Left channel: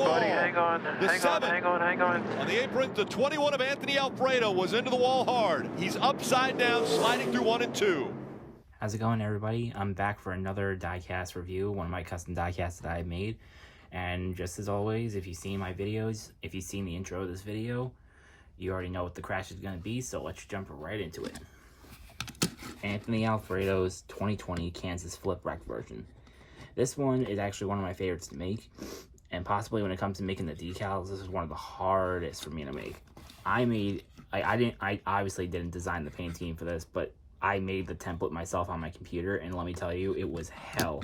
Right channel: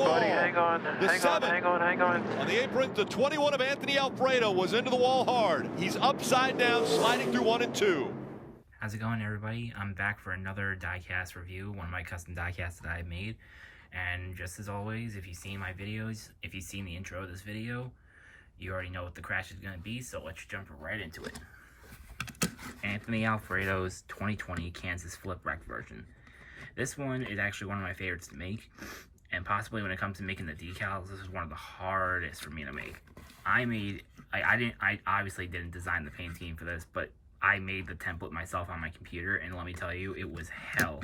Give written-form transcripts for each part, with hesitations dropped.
on, buddy. Hang on. The Hang on, 7 hang on, hang on. on the apron, the 21 of Anthony Alfredo was into the wall hard. He's upside down, sliding through 1 and 2. How's it going, everybody? I'm back for another diecast review, one of my custom diecasts that I made. And just as always, if you've seen my videos, if you've seen the intro of this video, you already know what the crash is going to be, so let's jump right into it. Anthony Alfredo's 2020 Kansas Flip Wreck version. This one is actually one of my favorites to make, and possibly when it comes to making the decals, this is one of the hardest for me to make. I obviously didn't design the paint scheme for this, but I made the template myself on my computer, and let me tell you, it was hell.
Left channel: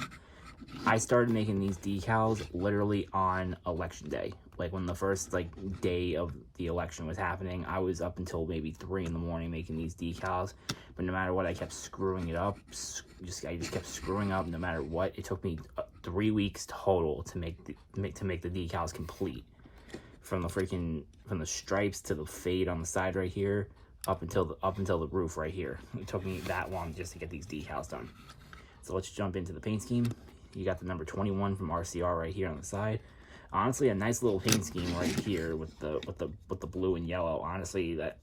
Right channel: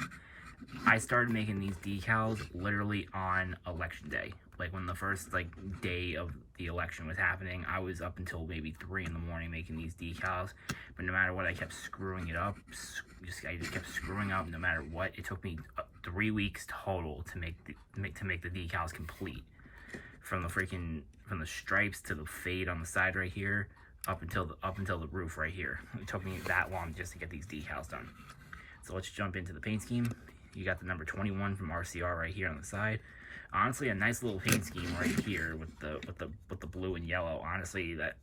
I started making these decals literally on election day. Like when the first day of the election was happening, I was up until maybe 3 in the morning making these decals. But no matter what, I kept screwing it up. I just kept screwing up no matter what. It took me 3 weeks total to make the decals complete. From the stripes to the fade on the side right here, up until the roof right here. It took me that long just to get these decals done. So let's jump into the paint scheme. You got the number 21 from RCR right here on the side. Honestly, a nice little paint scheme right here with the blue and yellow. Honestly, that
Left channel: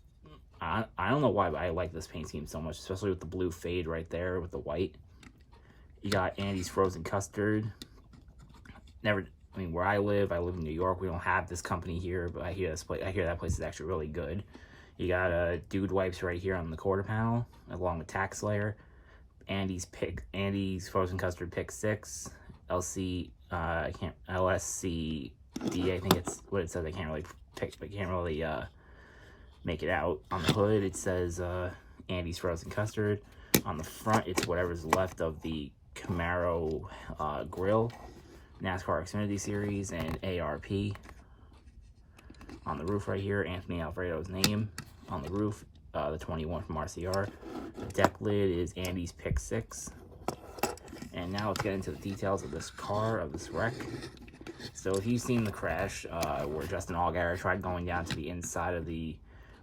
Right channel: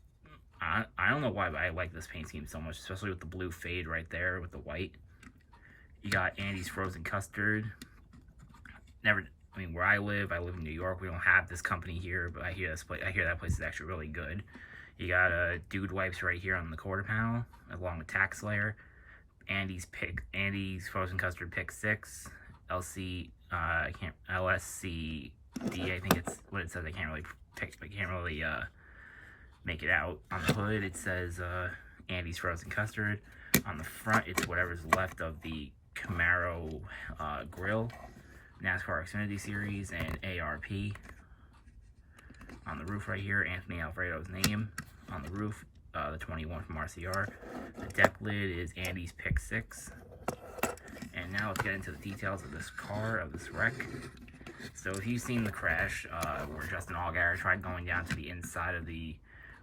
I don't know why, but I like this paint scheme so much, especially with the blue fade right there with the white. You got Andy's Frozen Custard. Where I live in New York. We don't have this company here, but I hear that place is actually really good. You got Dude Wipes right here on the quarter panel, along with Tax Slayer. Andy's Frozen Custard Pick 6, LSCD, I think it's what it says. I can't really make it out. On the hood it says Andy's Frozen Custard. On the front it's whatever's left of the Camaro grill, NASCAR Xfinity Series, and ARP. On the roof right here, Anthony Alfredo's name. On the roof, the 21 from RCR. The deck lid is Andy's Pick 6. And now let's get into the details of this car, of this wreck. So if you've seen the crash where Justin Allgaier tried going down to the inside of the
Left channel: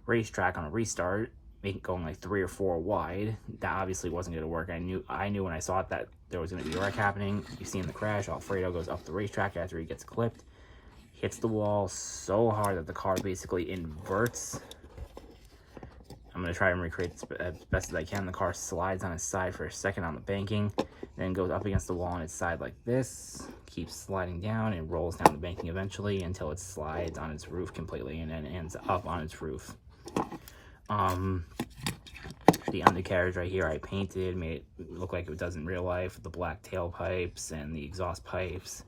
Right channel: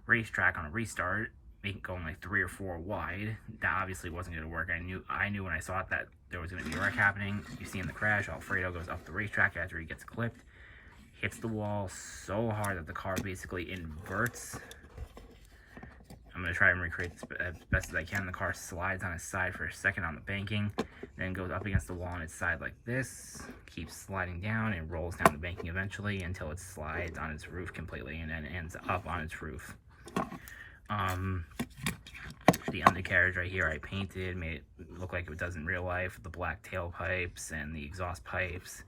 racetrack on a restart, going like 3 or 4 wide, that obviously wasn't going to work. I knew when I saw it that there was going to be a wreck happening. You've seen the crash. Alfredo goes up the racetrack after he gets clipped, hits the wall so hard that the car basically inverts. I'm going to try and recreate this as best as I can. The car slides on its side for a second on the banking, then goes up against the wall on its side like this, keeps sliding down, and rolls down the banking eventually until it slides on its roof completely and then ends up on its roof. The undercarriage right here I painted, made it look like it does in real life, with the black tailpipes and the exhaust pipes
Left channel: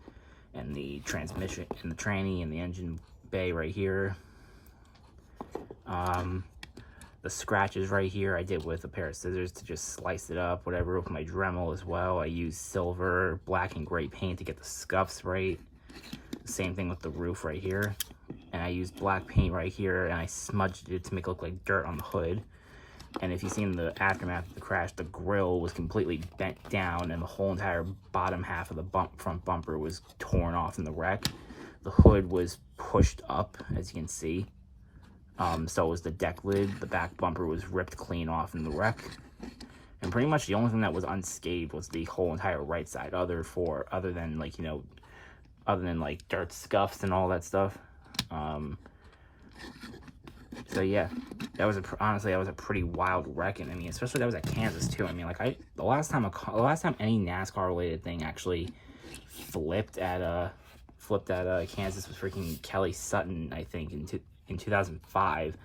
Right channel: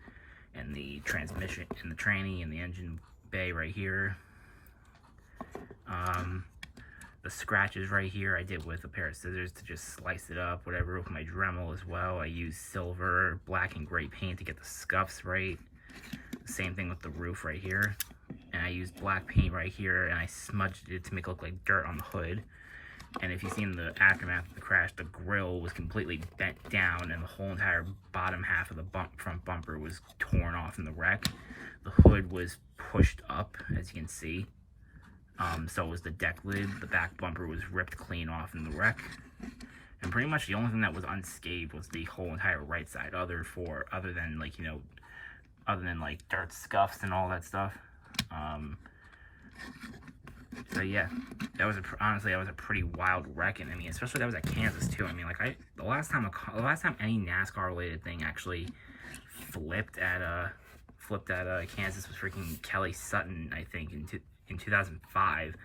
and the transmission and the tranny and the engine bay right here. The scratches right here I did with a pair of scissors to just slice it up, whatever, with my Dremel as well. I used silver, black, and gray paint to get the scuffs right. Same thing with the roof right here. And I used black paint right here, and I smudged it to make it look like dirt on the hood. And if you've seen the aftermath of the crash, the grill was completely bent down, and the whole entire bottom half of the front bumper was torn off in the wreck. The hood was pushed up, as you can see. So was the deck lid. The back bumper was ripped clean off in the wreck. And pretty much the only thing that was unscathed was the whole entire right side, other than dirt scuffs and all that stuff. So yeah, honestly that was a pretty wild wreck, and especially that was at Kansas too. The last time any NASCAR related thing actually flipped at Kansas was freaking Kelly Sutton, I think, in 2005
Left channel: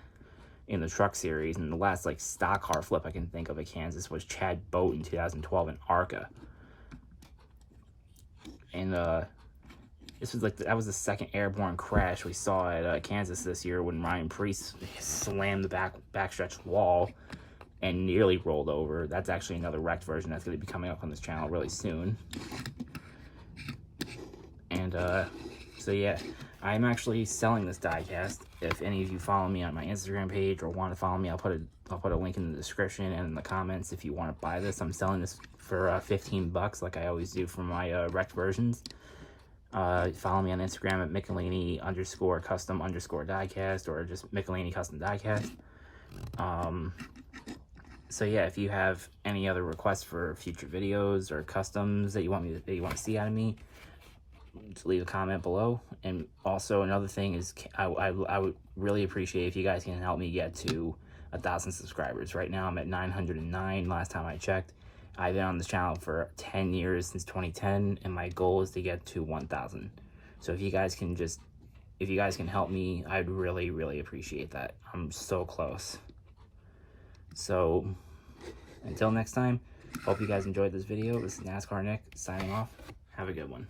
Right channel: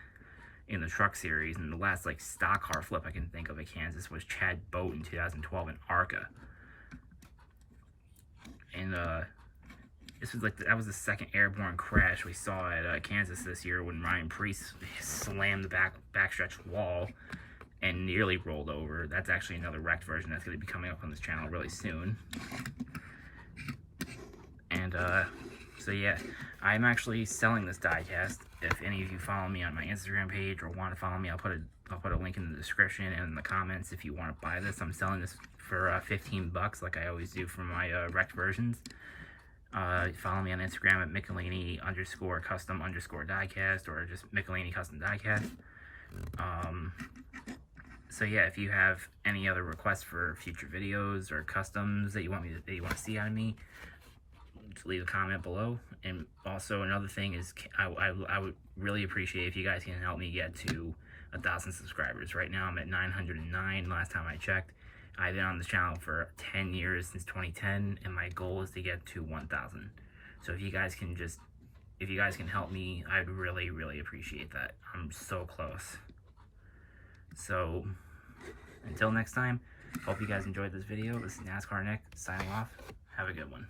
in the Truck Series, and the last stock car flip I can think of at Kansas was Chad Boat in 2012 in ARCA. And that was the second airborne crash we saw at Kansas this year, when Ryan Preece slammed the backstretch wall and nearly rolled over. That's actually another wrecked version that's going to be coming up on this channel really soon. And so yeah, I'm actually selling this diecast. If any of you follow me on my Instagram page or want to follow me, I'll put a link in the description and in the comments if you want to buy this. I'm selling this for 15 bucks, like I always do for my wrecked versions. Follow me on Instagram at Michelini_custom_diecast, or just Michelini Custom Diecast. So yeah, if you have any other requests for future videos or customs that you want to see out of me, leave a comment below. And also another thing is I would really appreciate if you guys can help me get to 1,000 subscribers. Right now I'm at 909 last time I checked. I've been on this channel for 10 years, since 2010, and my goal is to get to 1,000. So if you guys can help me, I'd really appreciate that. I'm so close. So until next time, hope you guys enjoyed this video. This is NASCAR Nick signing off. Have a good one.